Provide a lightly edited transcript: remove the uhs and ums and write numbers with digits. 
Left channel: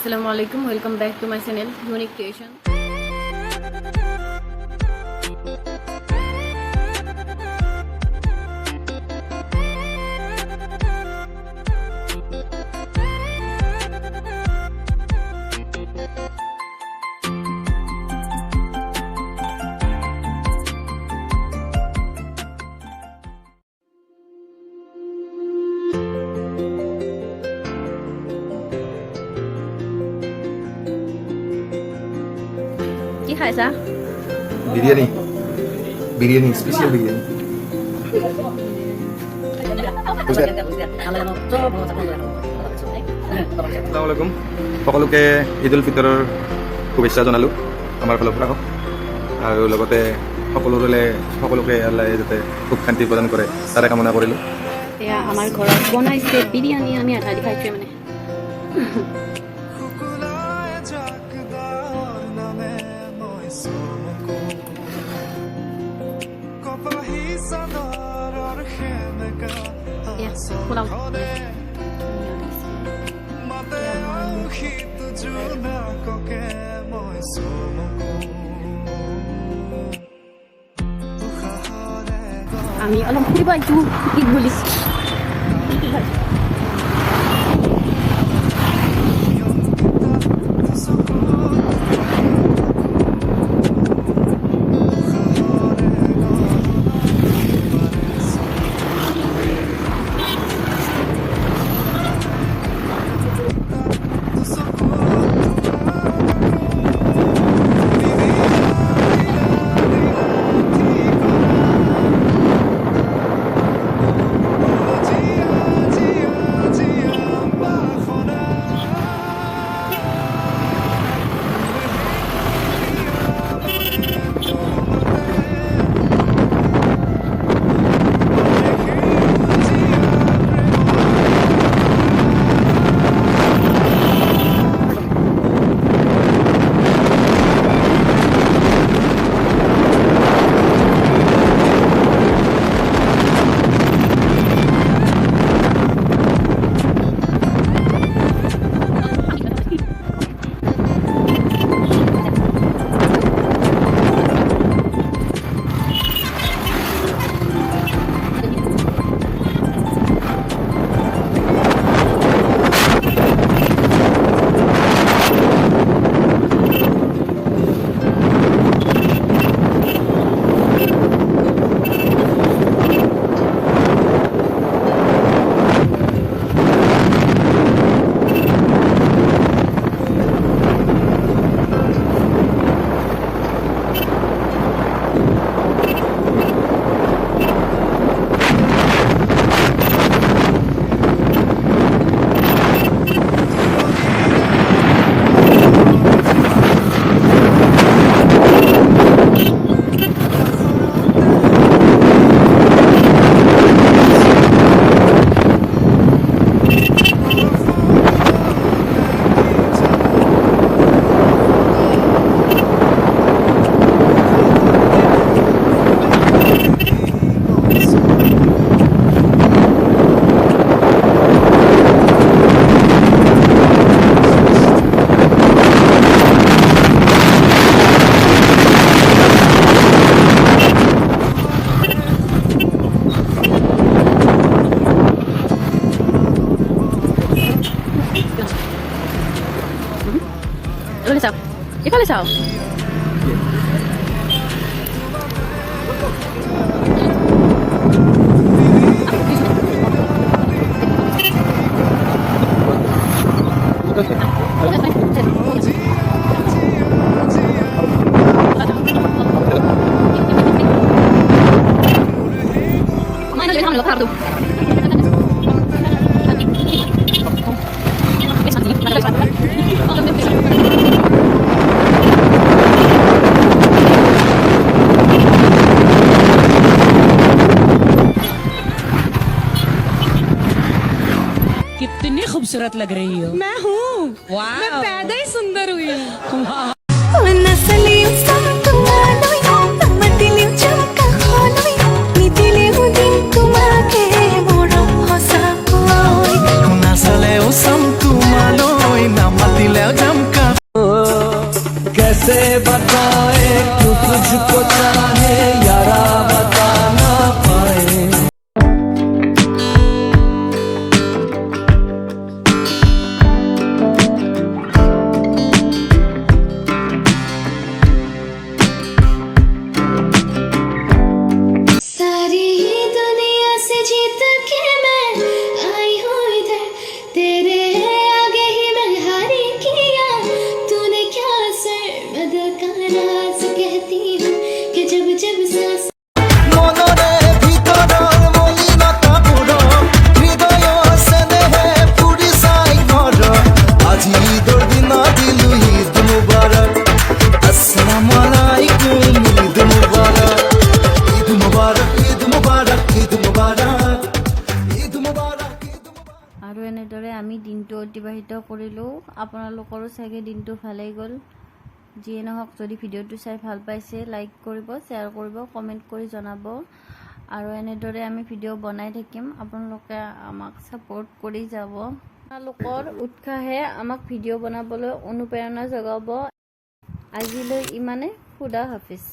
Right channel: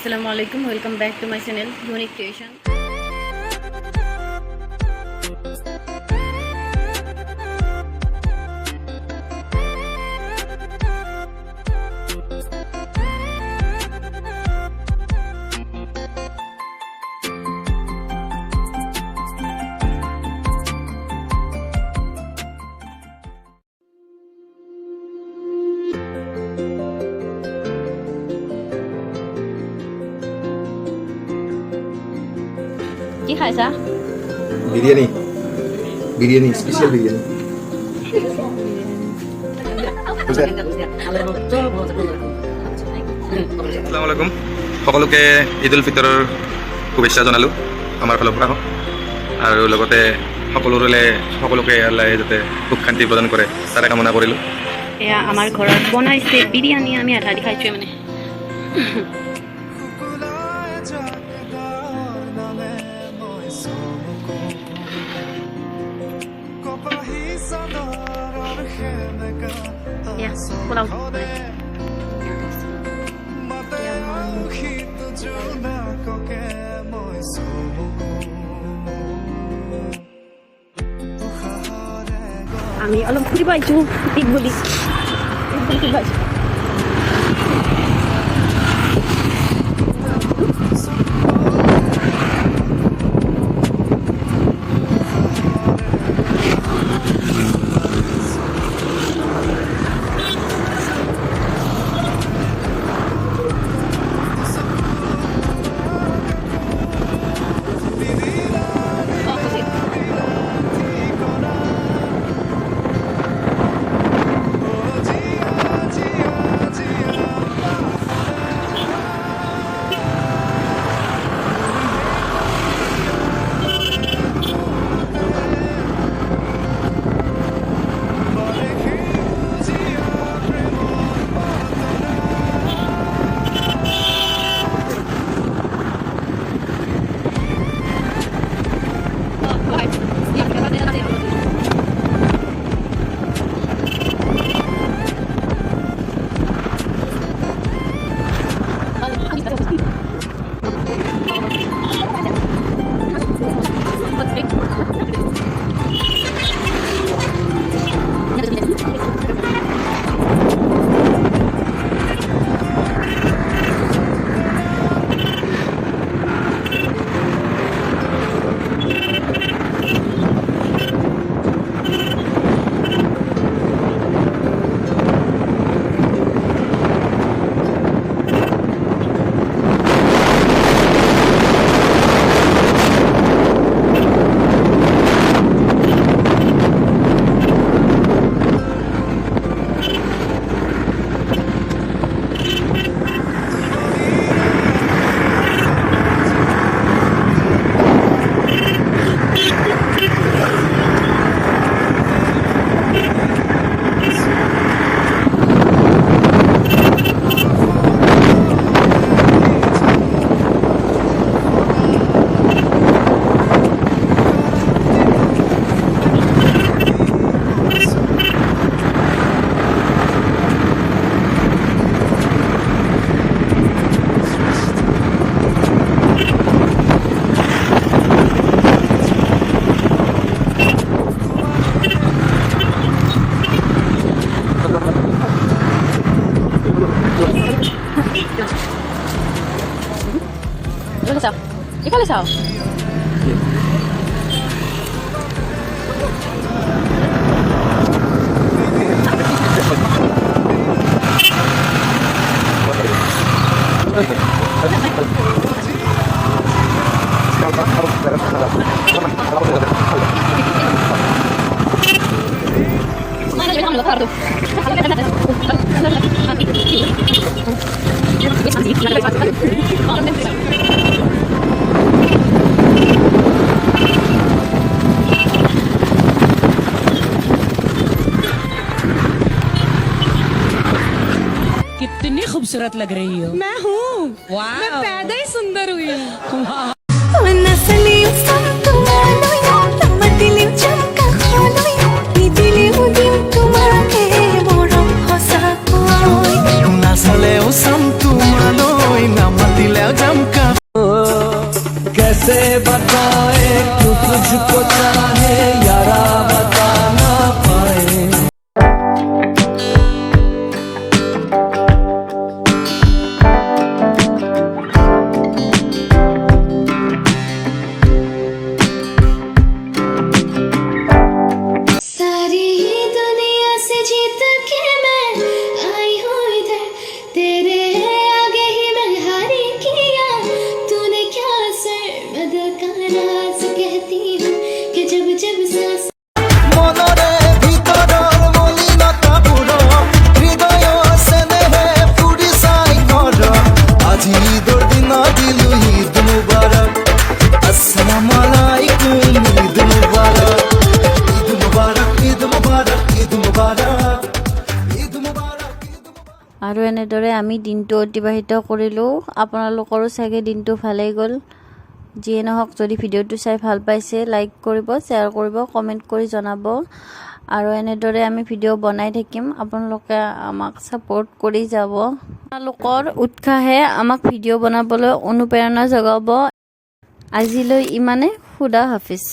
Assalamualaikum, welcome back to my channel Unique Creation. কি খাইছা? Biryani special biryani. আসসালামু আলাইকুম, সকলোকে ঈদ উল ফিতৰৰ শুভেচ্ছা জনালোঁ আমাৰ ফালৰ পৰা আৰু লগতে সকলোকে আল্লাহে যাতে সুখ শান্তি প্ৰদান কৰে তাৰে কামনা কৰিলোঁ। এয়া আমাৰ ঘৰত বনাইছে বিৰিয়ানী, আমি আধা আধি খাইছোঁ মানে। পোলাও আমি অলপ ফুৰিব আহিছোঁ ঈদ বুলি। ইফালে চাও। कितनी खूबसूरत लग रही हो। मैं हूँ, वाह, मैं पैदा ही सुंदर हुई हूँ। নাচালেও চাম তোমালৈ নামাতিলেও तुझसे बताए क्यों तुझको चाहे यारा बता ना पाए सारी दुनिया से जीत के मैं आई हूँ इधर तेरे आगे ही मैं हारी किया तूने क्या सर का राज कहती हूँ कि जब जब सांस মনৰে ভিতৰৰ মলিনতাবোৰ হৃদয় চেনেহে ফুৰি চাই নৰ আজি ঈদৰ দিনা দিলো ঈদ মুবাৰক আসসালামু আলাইকুম ঈদ মুবাৰক ঈদ মুবাৰক ঈদ মুবাৰক ঈদ মুবাৰক ঈদ মুবাৰক ঈদ মুবাৰক আৰু এনেদৰে আমি দিনটো অতিবাহিত কৰিলোঁ। আপোনালোকৰো চাগে দিনটো ভালেই গ'ল। যিয়ে নহওক, যদি ভিডিঅ'টো চাই ভাল পাইছে লাইক কৰিব, শ্বেয়াৰ কৰিব, কমেণ্ট কৰি জনাব। আৰু এনেদৰে আমি ভিডিঅ' বনাই থাকিম, আপোনালোকে আমাক ছাপোৰ্ট কৰি যাব। আপোনালোকৰ উৎসাহে আমাক ভিডিঅ' বনাবলৈ অনুপ্ৰেৰণা যোগাব। আজিলৈ ইমানে, খুদা হাফিজ।